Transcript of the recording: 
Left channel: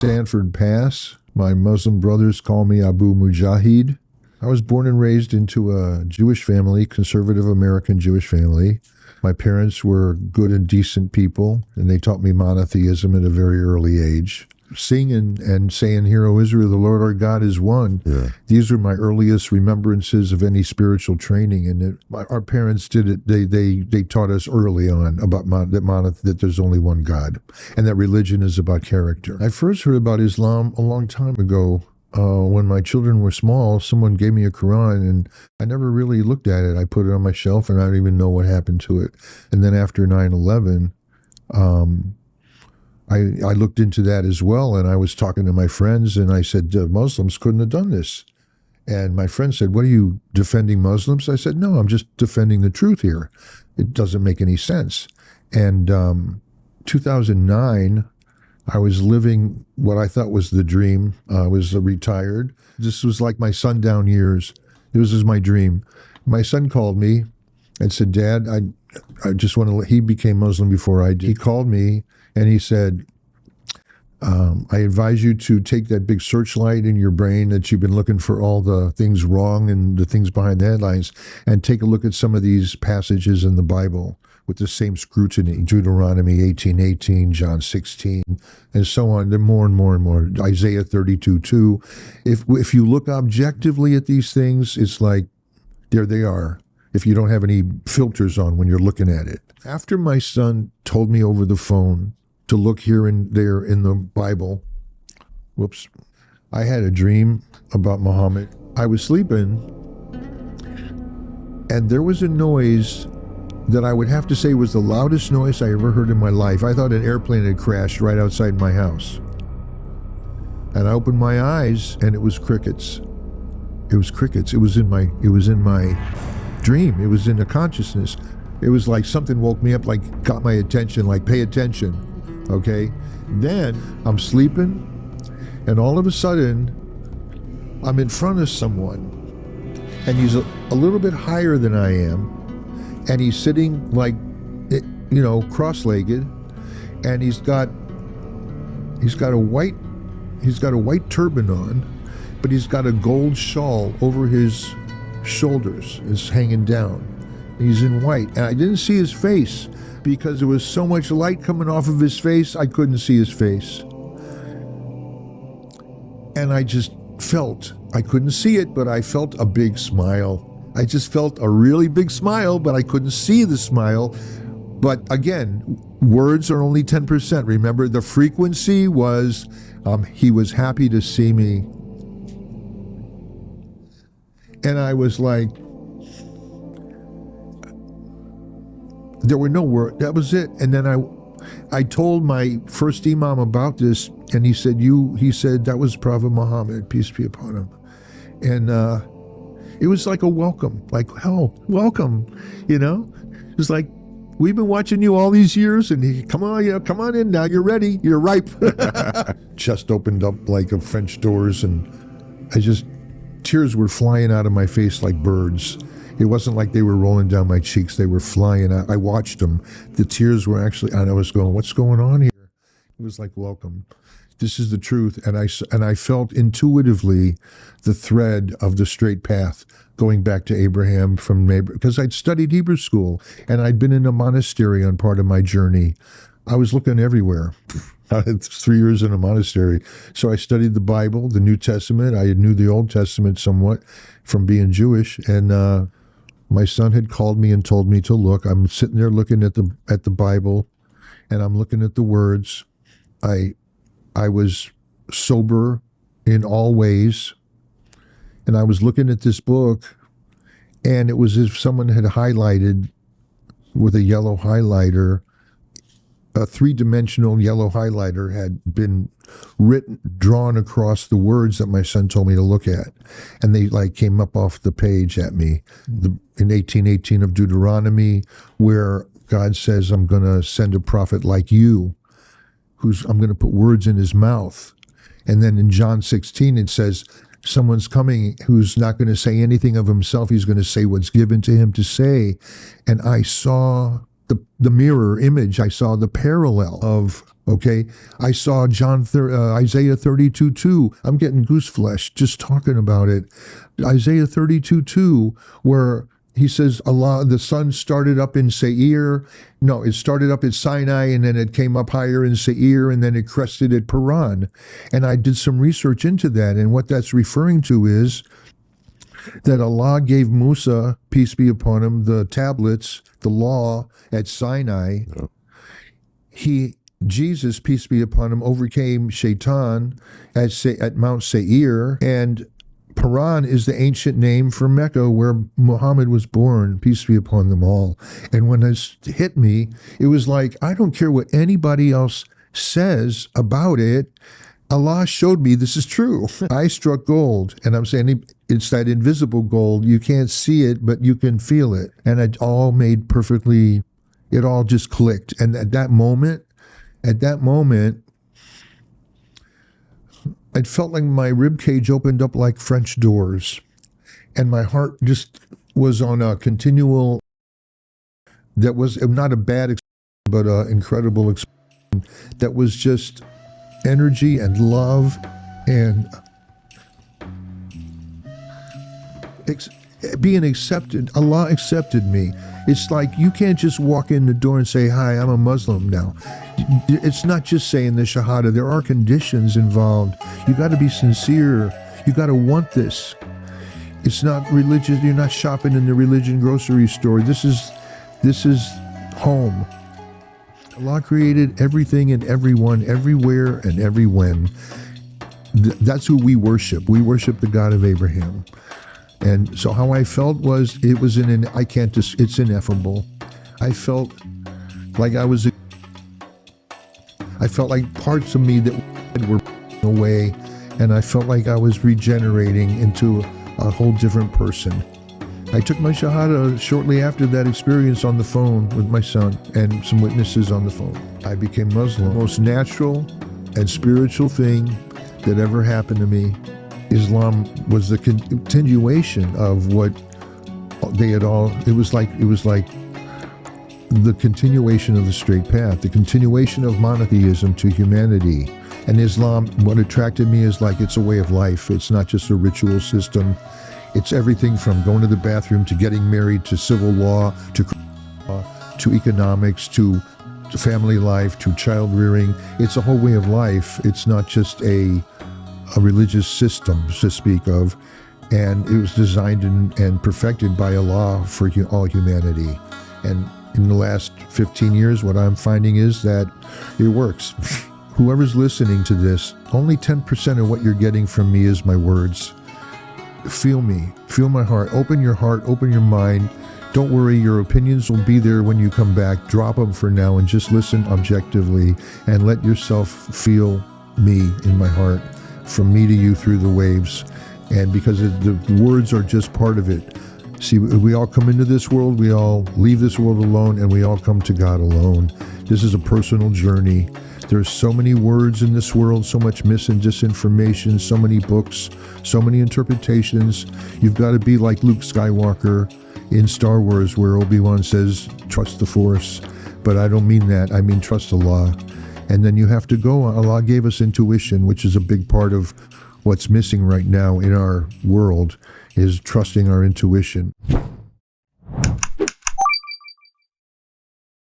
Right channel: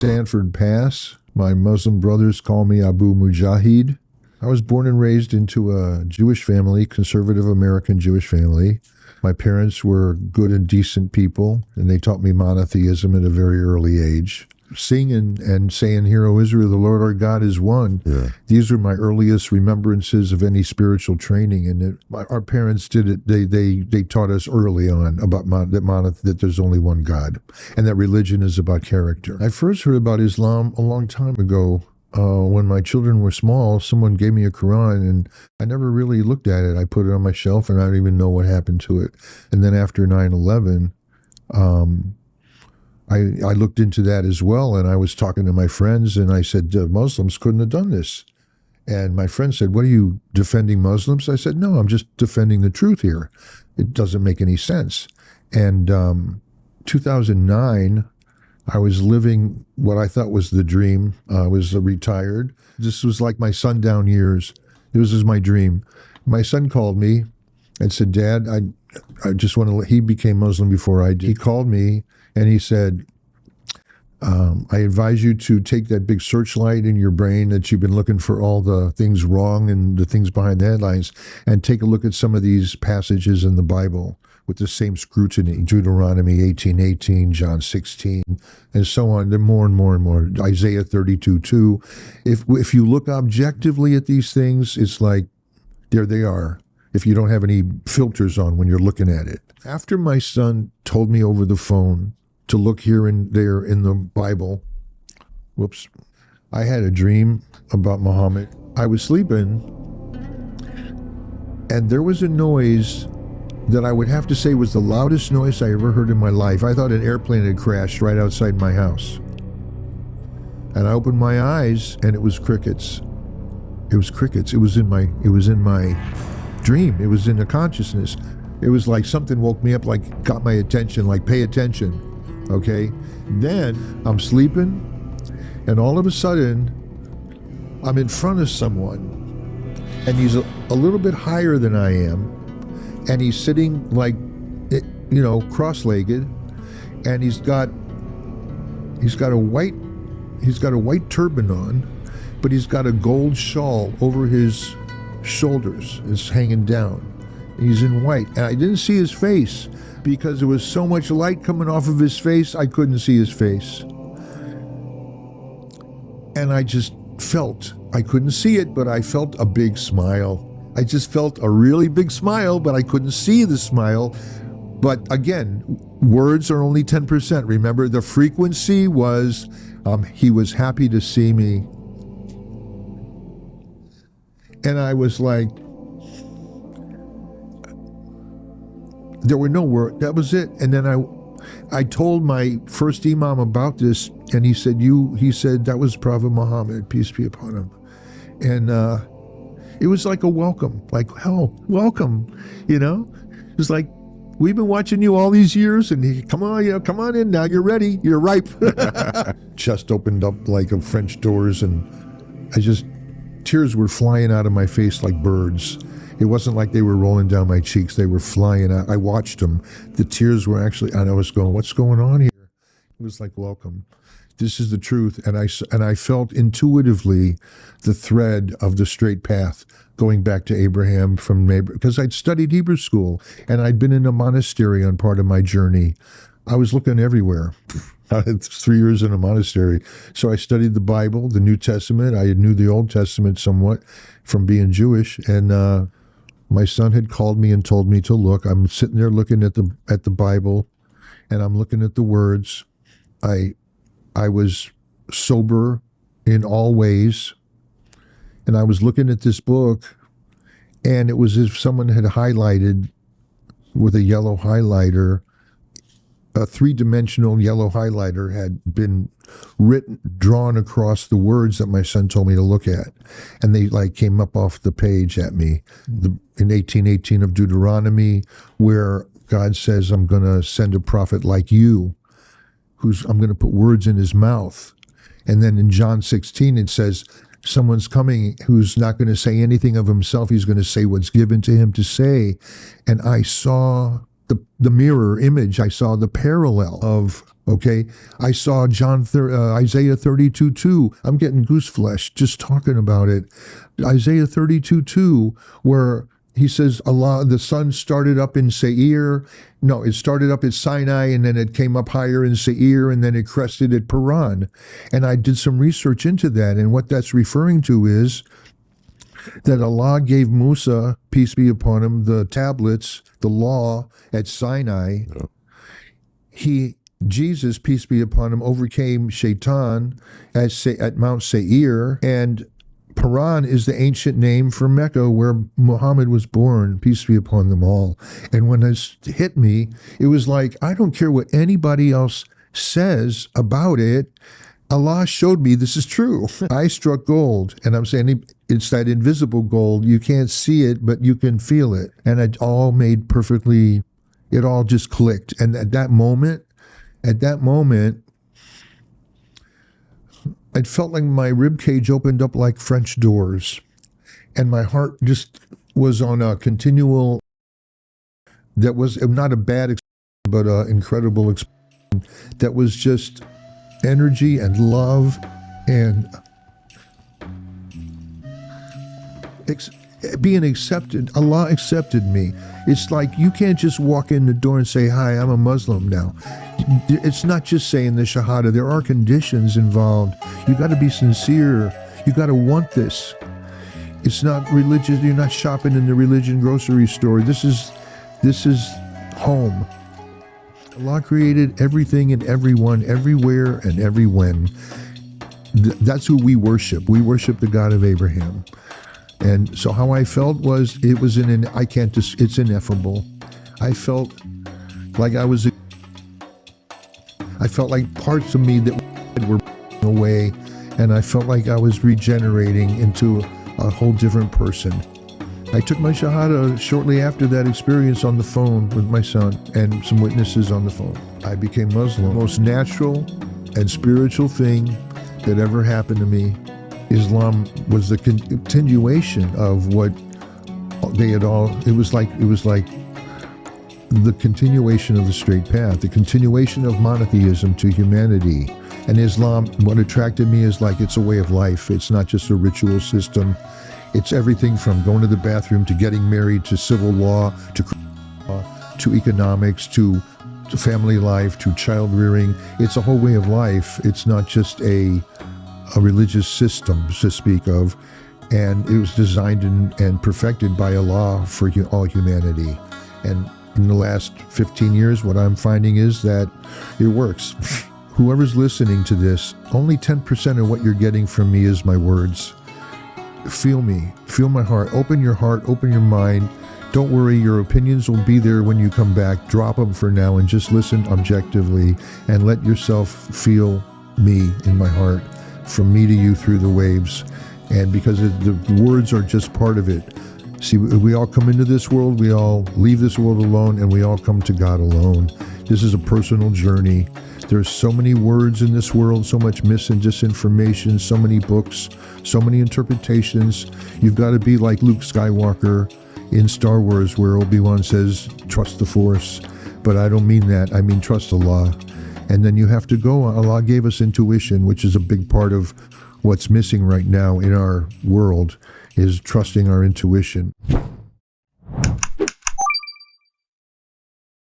Stanford Pass. My Muslim brothers call me Abu Mujahid. I was born and raised into a Jewish family, conservative American Jewish family. My parents were good and decent people, and they taught me monotheism at a very early age. Singing and saying, "Hear, O Israel, the Lord our God is one." Yeah. These are my earliest remembrances of any spiritual training, and our parents did it. They taught us early on about that there's only one God, and that religion is about character. I first heard about Islam a long time ago. When my children were small, someone gave me a Quran, and I never really looked at it. I put it on my shelf, and I don't even know what happened to it. And then after 9/11, I looked into that as well, and I was talking to my friends, and I said, Muslims couldn't have done this. And my friend said, "What, are you defending Muslims?" I said, "No, I'm just defending the truth here. It doesn't make any sense." And 2009, I was living what I thought was the dream. I was retired. This was like my sundown years. This was my dream. My son called me and said, "Dad, I just want to," he became Muslim before I did. He called me and he said, "I advise you to take that big searchlight in your brain that you've been looking for all the things wrong and the things behind the headlines, and take a look at some of these passages in the Bible with the same scrutiny. Deuteronomy 18:18, John 16, and so on. They're more and more and more. Isaiah 32:2. If you look objectively at these things, it's like, there they are, if you don't have any filters on when you're looking at it." After my son told me over the phone to look here and there in the Bible, I had a dream about Muhammad. I was sleeping, and there was a noise that I would have to say was the loudest noise I ever heard in my life. I thought an airplane had crashed right outside my house. And I opened my eyes, and it was crickets. It was crickets. It was in my dream. It was in the consciousness. It was like something woke me up, like got my attention, like, pay attention. Okay? Then I'm sleeping, and all of a sudden, I'm in front of someone, and he's a little bit higher than I am, and he's sitting like, cross-legged, and he's got a white turban on, but he's got a gold shawl over his shoulders. It's hanging down. He's in white, and I didn't see his face because there was so much light coming off of his face, I couldn't see his face. And I just felt, I couldn't see it, but I felt a big smile. I just felt a really big smile, but I couldn't see the smile. But again, words are only 10%. Remember, the frequency was, he was happy to see me. And I was like, there were no words. That was it. And then I told my first imam about this, and he said, that was Prophet Muhammad, peace be upon him. And it was like a welcome, like, hell, welcome, It was like, we've been watching you all these years, and come on in now, you're ready, you're ripe. Chest opened up like a French doors, and tears were flying out of my face like birds. It wasn't like they were rolling down my cheeks. They were flying out. I watched them. The tears were actually, and I was going, what's going on here? It was like, welcome. This is the truth. And I felt intuitively the thread of the straight path going back to Abraham because I'd studied Hebrew school, and I'd been in a monastery on part of my journey. I was looking everywhere. I had 3 years in a monastery. So I studied the Bible, the New Testament. I knew the Old Testament somewhat from being Jewish. And my son had called me and told me to look. I'm sitting there looking at the Bible, and I'm looking at the words. I was sober in all ways, and I was looking at this book, and it was as if someone had highlighted with a yellow highlighter. A three-dimensional yellow highlighter had been drawn across the words that my son told me to look at. And they came up off the page at me. In 18:18 of Deuteronomy, where God says, I'm going to send a prophet like you, I'm going to put words in his mouth. And then in John 16, it says, someone's coming who's not going to say anything of himself. He's going to say what's given to him to say. And I saw the mirror image. I saw the parallel of, okay, I saw Isaiah 32:2. I'm getting goose flesh just talking about it. Isaiah 32:2, where he says, Allah, the sun started up in Seir. No, it started up at Sinai, and then it came up higher in Seir, and then it crested at Paran. And I did some research into that, and what that's referring to is that Allah gave Musa, peace be upon him, the tablets, the law at Sinai. Jesus, peace be upon him, overcame Shaitan at Mount Seir, and Paran is the ancient name for Mecca, where Muhammad was born, peace be upon them all. And when this hit me, it was like, I don't care what anybody else says about it. Allah showed me this is true. I struck gold, and I'm saying it's that invisible gold. You can't see it, but you can feel it. And it all made perfectly, it all just clicked. And at that moment, it felt like my rib cage opened up like French doors, and my heart just was on a continual, that was not a bad experience, but an incredible experience. That was just energy and love and being accepted. Allah accepted me. It's like you can't just walk in the door and say, hi, I'm a Muslim now. It's not just saying the Shahada. There are conditions involved. You got to be sincere. You got to want this. It's not religious. You're not shopping in the religion grocery store. This is home. Allah created everything and everyone, everywhere and every when. That's who we worship. We worship the God of Abraham. And so how I felt was, it's ineffable. I felt like I felt like parts of me that were away, and I felt like I was regenerating into a whole different person. I took my Shahada shortly after that experience on the phone with my son and some witnesses on the phone. I became Muslim. The most natural and spiritual thing that ever happened to me. Islam was the continuation of what they had all, it was like the continuation of the straight path, the continuation of monotheism to humanity. And Islam, what attracted me is like, it's a way of life. It's not just a ritual system. It's everything from going to the bathroom to getting married to civil law to economics to family life to child rearing. It's a whole way of life. It's not just a religious system to speak of. And it was designed and perfected by Allah for all humanity. And in the last 15 years, what I'm finding is that it works. Whoever's listening to this, only 10% of what you're getting from me is my words. Feel me, feel my heart, open your mind. Don't worry, your opinions will be there when you come back. Drop them for now and just listen objectively and let yourself feel me in my heart, from me to you through the waves. And because the words are just part of it. See, we all come into this world, we all leave this world alone, and we all come to God alone. This is a personal journey. There's so many words in this world, so much mis and disinformation, so many books, so many interpretations. You've got to be like Luke Skywalker in Star Wars, where Obi-Wan says, trust the Force. But I don't mean that. I mean trust Allah. And then you have to go. Allah gave us intuition, which is a big part of what's missing right now in our world, is trusting our intuition.